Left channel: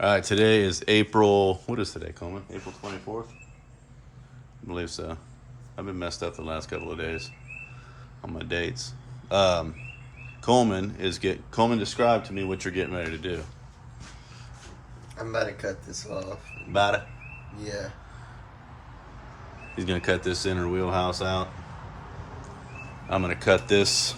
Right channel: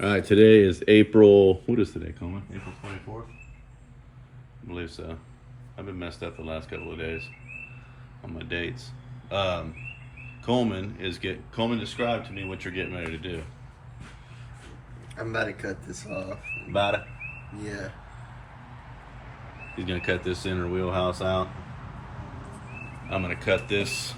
All right, today is April, what is today, Coleman? April 24th? I believe so. I've been messed up the last couple of days on my dates. Coleman, describe to me what you're getting ready to do. I'm about to cut this off. About it? Yeah. He's gonna cut this inner wheelhouse out. I'm gonna cut this.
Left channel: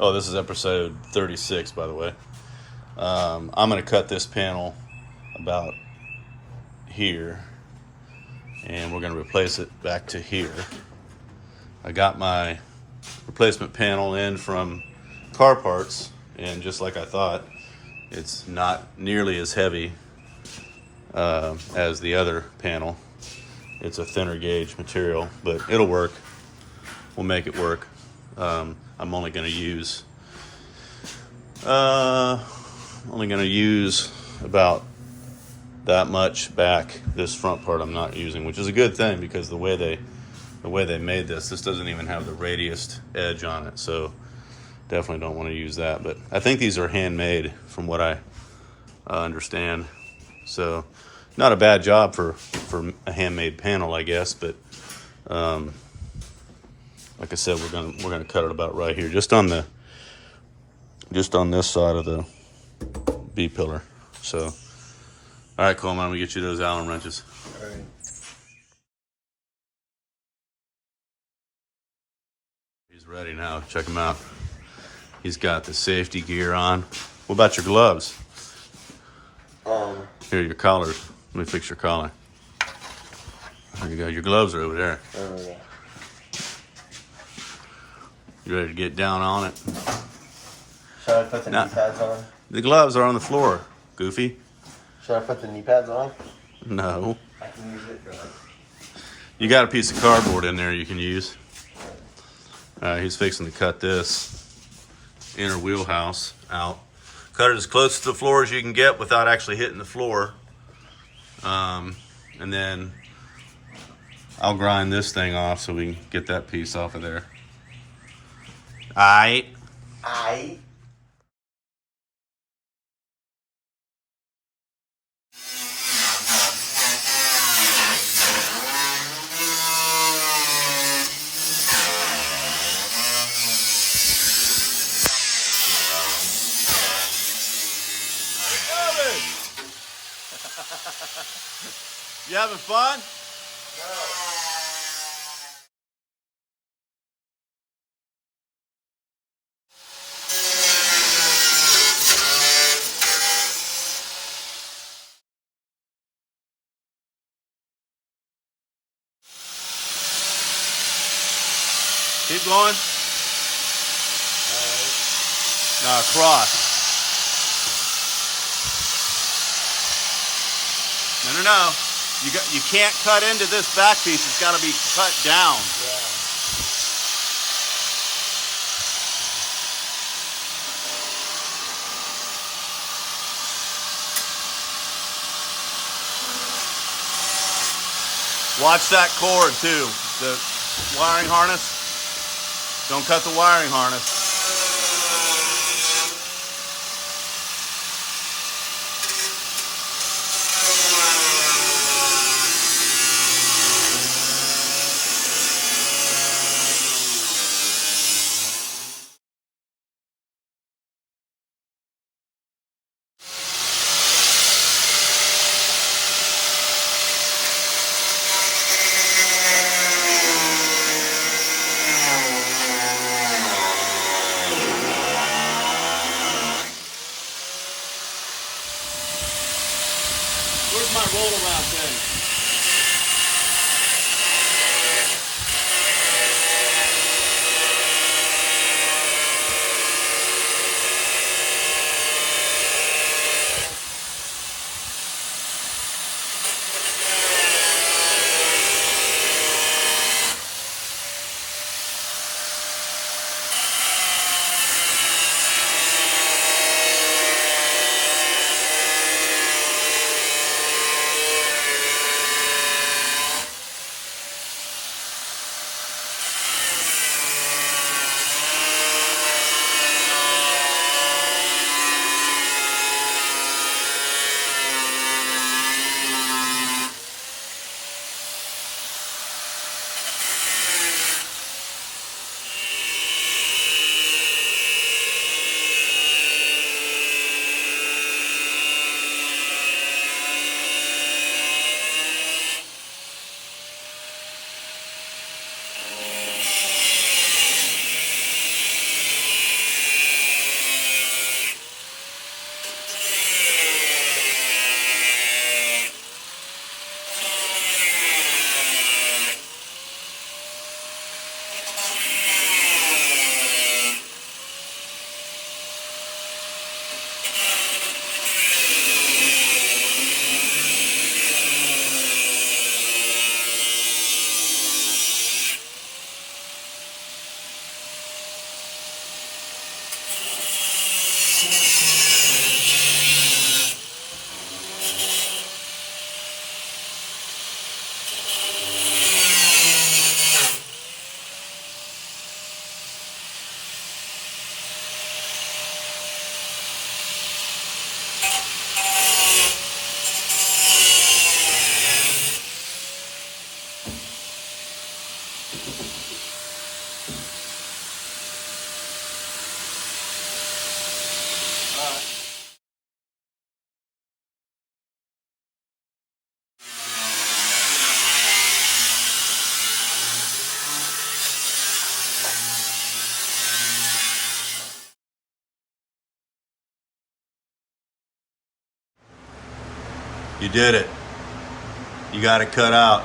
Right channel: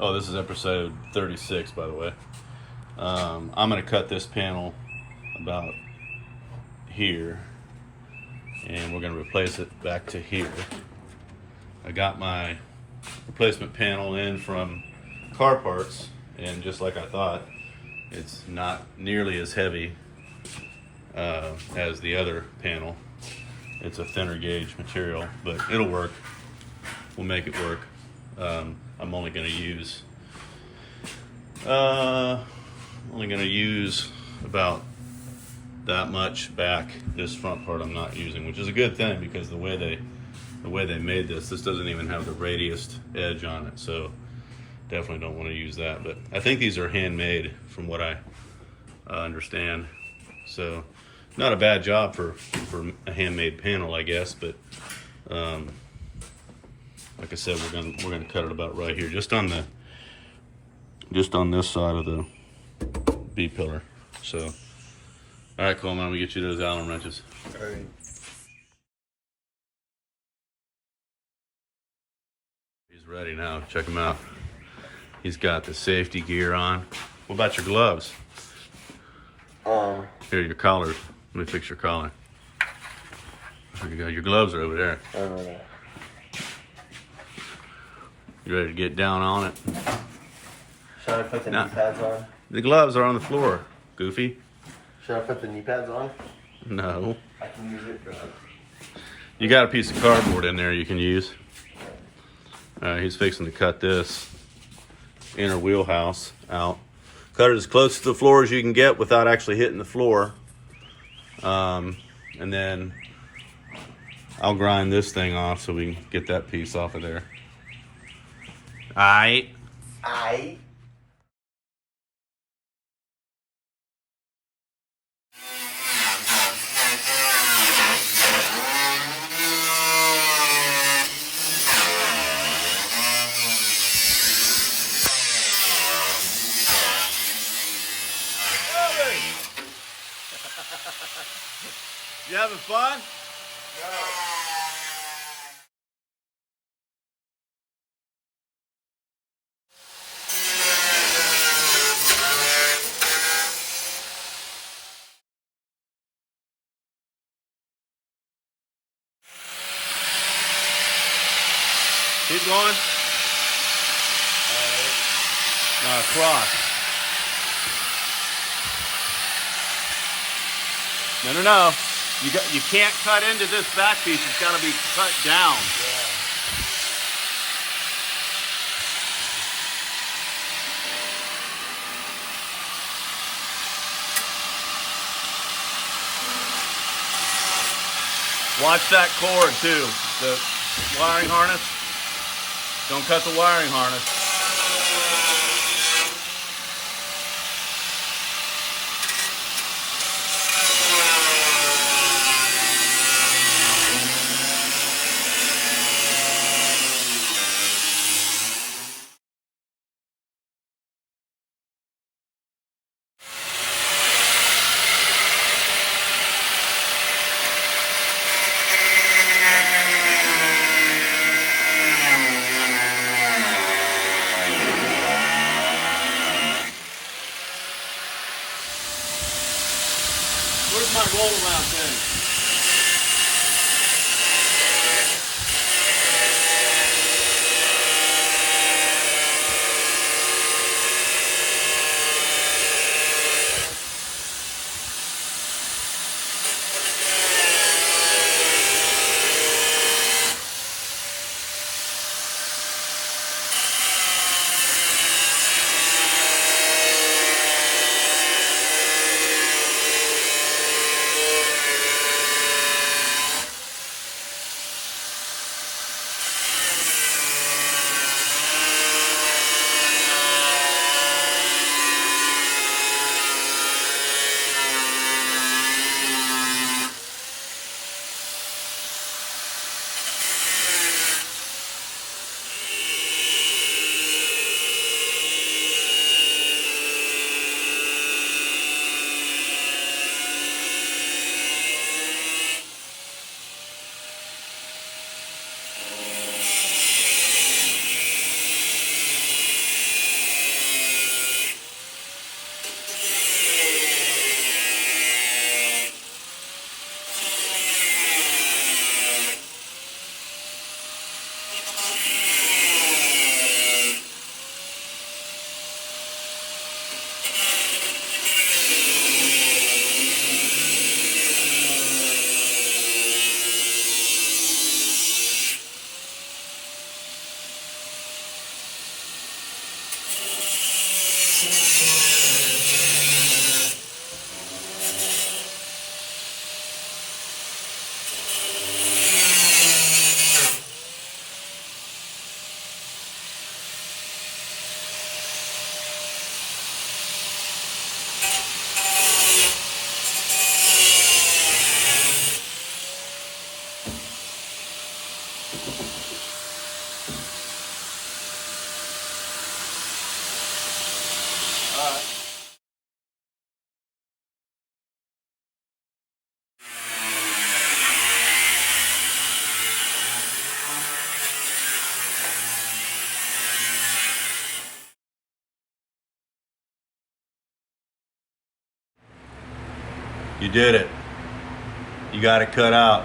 Oh, this is episode 36, by the way. I'm gonna cut this panel about here, and we're gonna replace it back to here. I got my replacement panel in from Car Parts, and just like I thought, it's not nearly as heavy as the other panel. It's a thinner gauge material, but it'll work. We'll make it work. I'm only going to use about that much back. This front part I'm not using, which is a good thing because the way they made this doesn't even have the radiused edge on it, so definitely don't want to use that. But I think these are handmade from what I understand, so not a bad job for a handmade panel, I guess. But like I said, we're gonna cut it about right here, just on this side of the B pillar. So all right, Coleman, I'm gonna get you those Allen wrenches. All right. He's ready now. Check him out. He's got the safety gear on. What about your gloves? Here, your collars. Let me fix your collar. There you go. Your gloves are over there. Yeah. You ready to get down on it? Should I put the knee pads on? The gloves are on the floor, Goofy. Should I put the knee pads on? No. I can use it. You got a piece of cardboard in there you can use. He's fixing to cut this inner wheelhouse out. Cut it as close to the floor as you can get without actually hitting the floor. And then I'll grind this thing off so we can get that piece off of there. Aight. You having fun? Keep going. Now across. No. You can't cut into this back piece. It's got to be cut down. Yeah. Watch that cord too. The wiring harness. Don't cut the wiring harness. Where's my roll around thing? You did it. You got it cut out.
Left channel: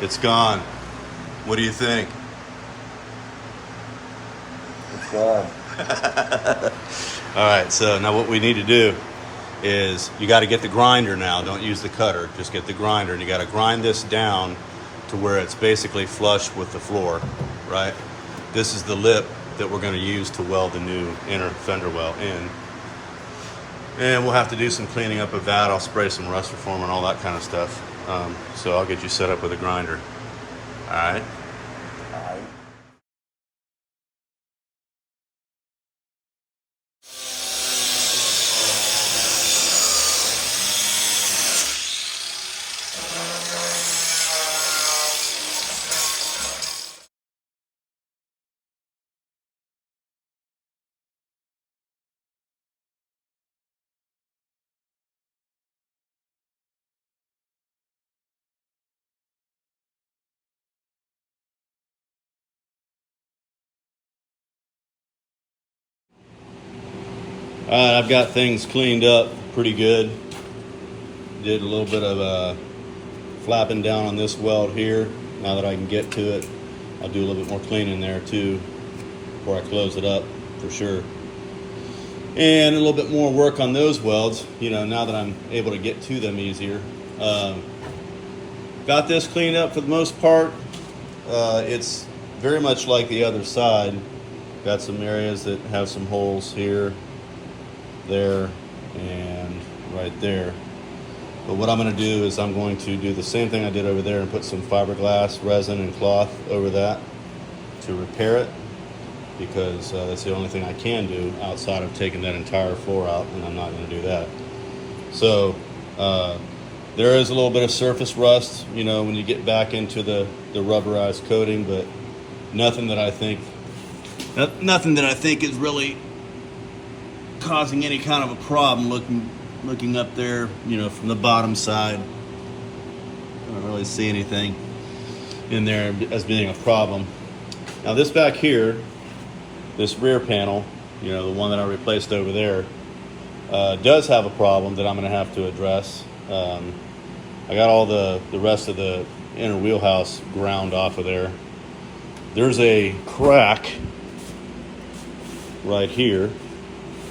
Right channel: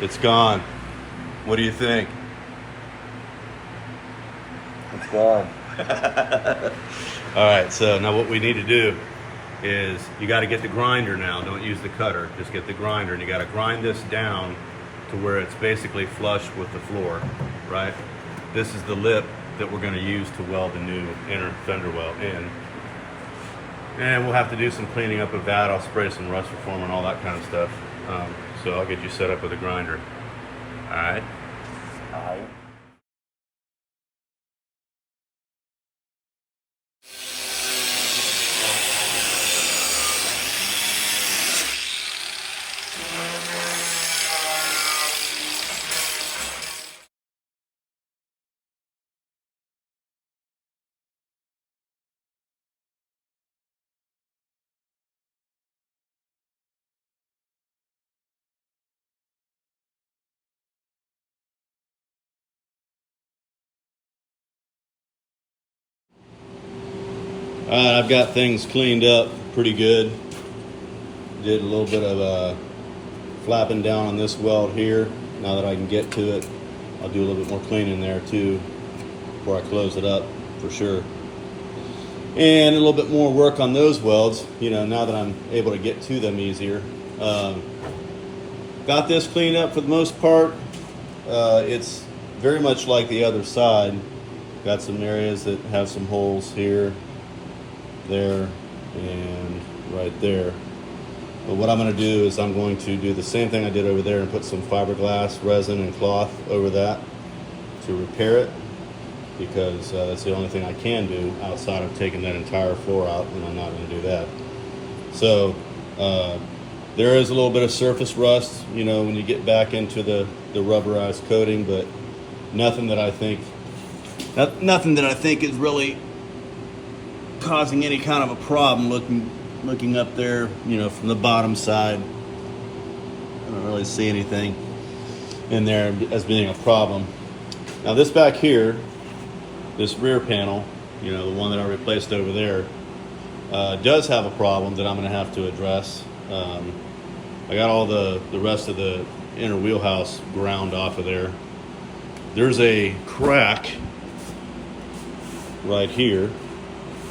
It's gone. What do you think? It's gone. All right, so now what we need to do is you got to get the grinder now. Don't use the cutter. Just get the grinder, and you got to grind this down to where it's basically flush with the floor, right? This is the lip that we're going to use to weld the new inner fender well in. And we'll have to do some cleaning up of that. I'll spray some rust reformer and all that kind of stuff. So I'll get you set up with a grinder. All right? All right. All right, I've got things cleaned up pretty good. Did a little bit of flapping down on this weld here. Now that I can get to it, I'll do a little bit more cleaning there too before I close it up for sure. And a little bit more work on those welds, you know, now that I'm able to get to them easier. Got this cleaned up for the most part. It's very much like the other side. Got some areas that have some holes here, there, and right there. But what I'm going to do is I'm going to do the same thing I did over there and put some fiberglass, resin, and cloth over that to repair it, because that's the only thing I can do outside of taking that entire floor out, and I'm not going to do that. So there is a little bit of surface rust, you know, when you get back into the rubberized coating, but nothing that I think is really causing any kind of a problem. Looking up there, you know, from the bottom side, I don't really see anything in there as being a problem. Now this back here, this rear panel, you know, the one that I replaced over there, does have a problem that I'm going to have to address. I got all the rest of the inner wheelhouse ground off of there. There's a crack right here.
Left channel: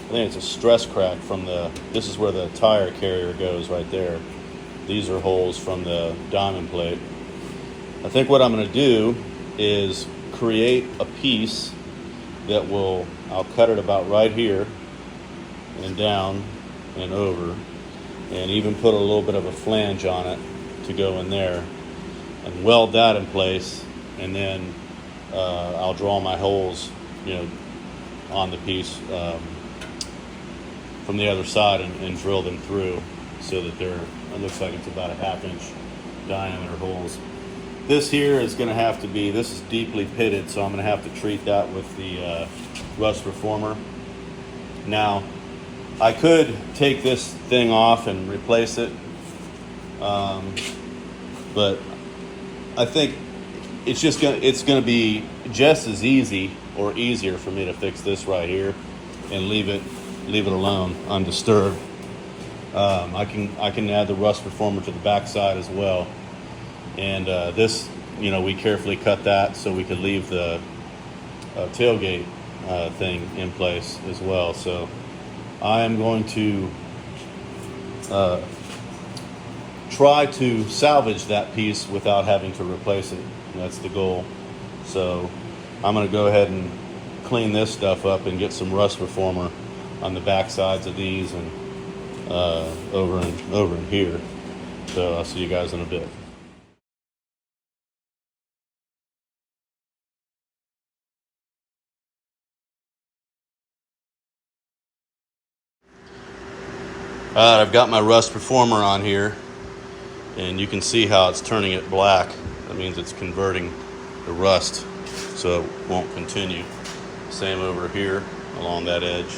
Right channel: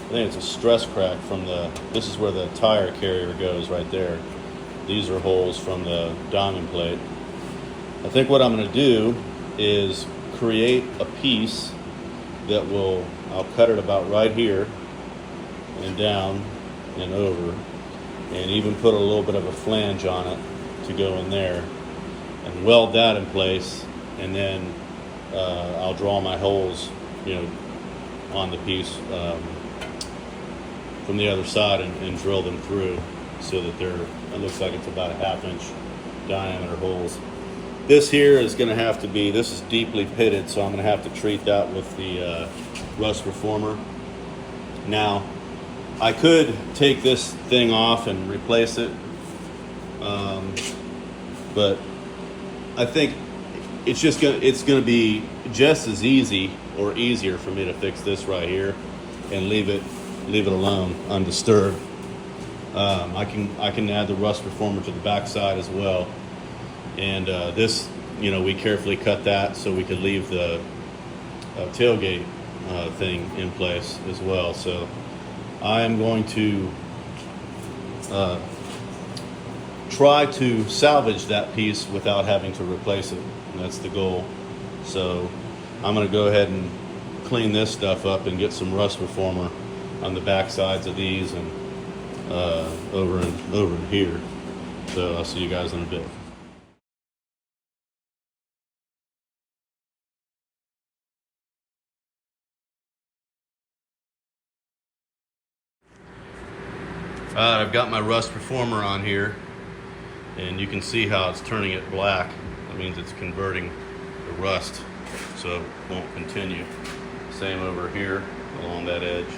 I think it's a stress crack from this is where the tire carrier goes right there. These are holes from the diamond plate. I think what I'm going to do is create a piece that I'll cut it about right here and down and over, and even put a little bit of a flange on it to go in there and weld that in place, and then I'll draw my holes, you know, on the piece from the other side and drill them through so that it looks like it's about a 1/2 inch diameter holes. This here is going to have to be, this is deeply pitted, so I'm going to have to treat that with the rust reformer. Now, I could take this thing off and replace it, but I think it's going to be just as easy or easier for me to fix this right here and leave it alone undisturbed. I can add the rust reformer to the back side as well, and this, you know, we carefully cut that so we could leave the tailgate thing in place as well. So I am going to try to salvage that piece without having to replace it. That's the goal. So I'm going to go ahead and clean this stuff up and get some rust reformer on the back sides of these and over in here. So I'll see you guys in a bit. I've got my rust reformer on here, and you can see how it's turning it black. That means it's converting the rust so it won't continue. Same over here along that edge.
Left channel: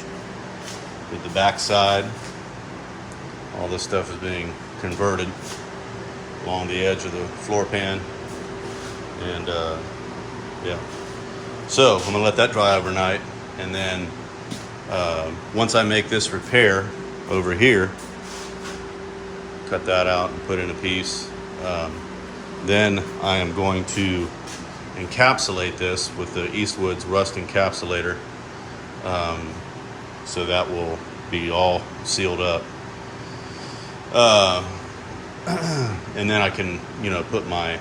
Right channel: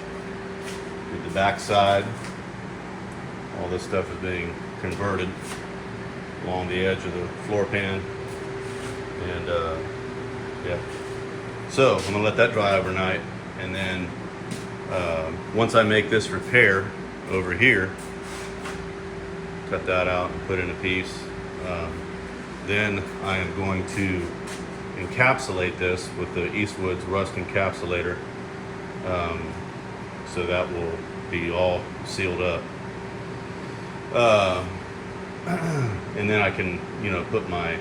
At the back side, all this stuff is being converted along the edge of the floor pan. And yeah. So I'm gonna let that dry overnight, and then once I make this repair over here, cut that out and put in a piece, then I am going to encapsulate this with the Eastwood's rust encapsulator, so that will be all sealed up, and then I can, you know, put my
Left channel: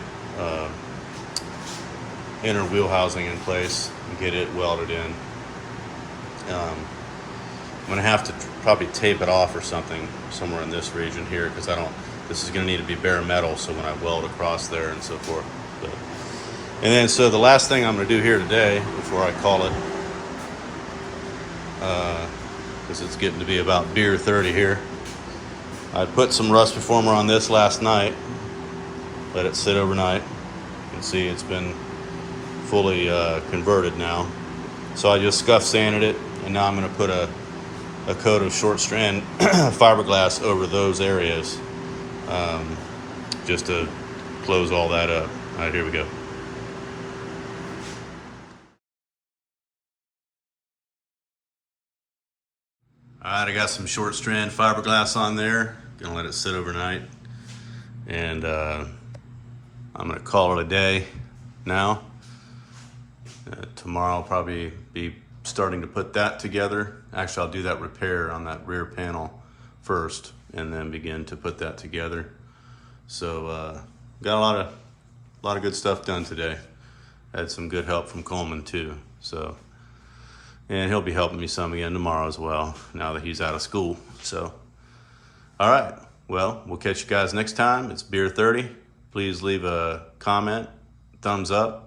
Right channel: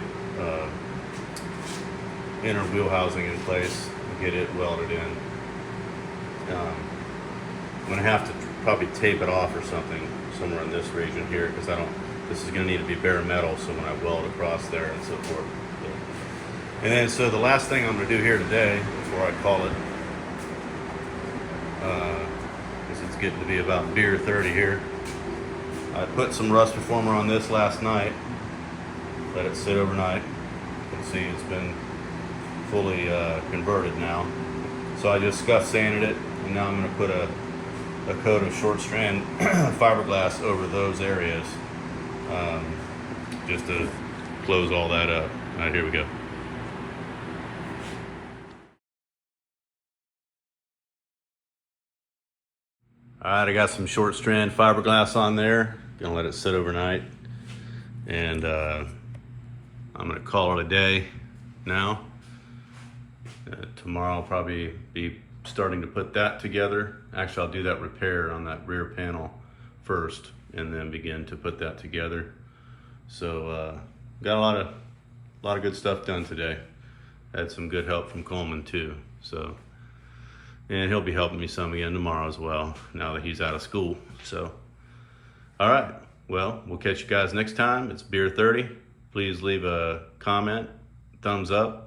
inner wheel housing in place and get it welded in. I'm gonna have to probably tape it off or something somewhere in this region here, because this is gonna need to be bare metal, so when I weld across there and so forth. And then, so the last thing I'm gonna do here today, before I call it, because it's getting to be about beer 30 here, I put some rust reformer on this last night, let it sit overnight. You can see it's been fully converted now. So I just scuff sanded it, and now I'm gonna put a coat of short strand fiberglass over those areas, just to close all that up. All right, here we go. All right, I got some short strand fiberglass on there. Gonna let it sit overnight, and I'm gonna call it a day now. Tomorrow I'll probably be starting to put that together. Actually, I'll do that repair on that rear panel first, and then begin to put that together. So got a lot of good stuff done today. Had some good help from Coleman too. So, and he'll be helping me some again tomorrow as well, now that he's out of school. So, all right, well, we'll catch you guys next time. It's Beer 30. Please leave a comment, thumbs up.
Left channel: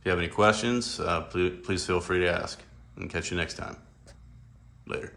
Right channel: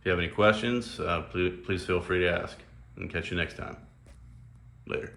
If you have any questions, please feel free to ask, and catch you next time. Later.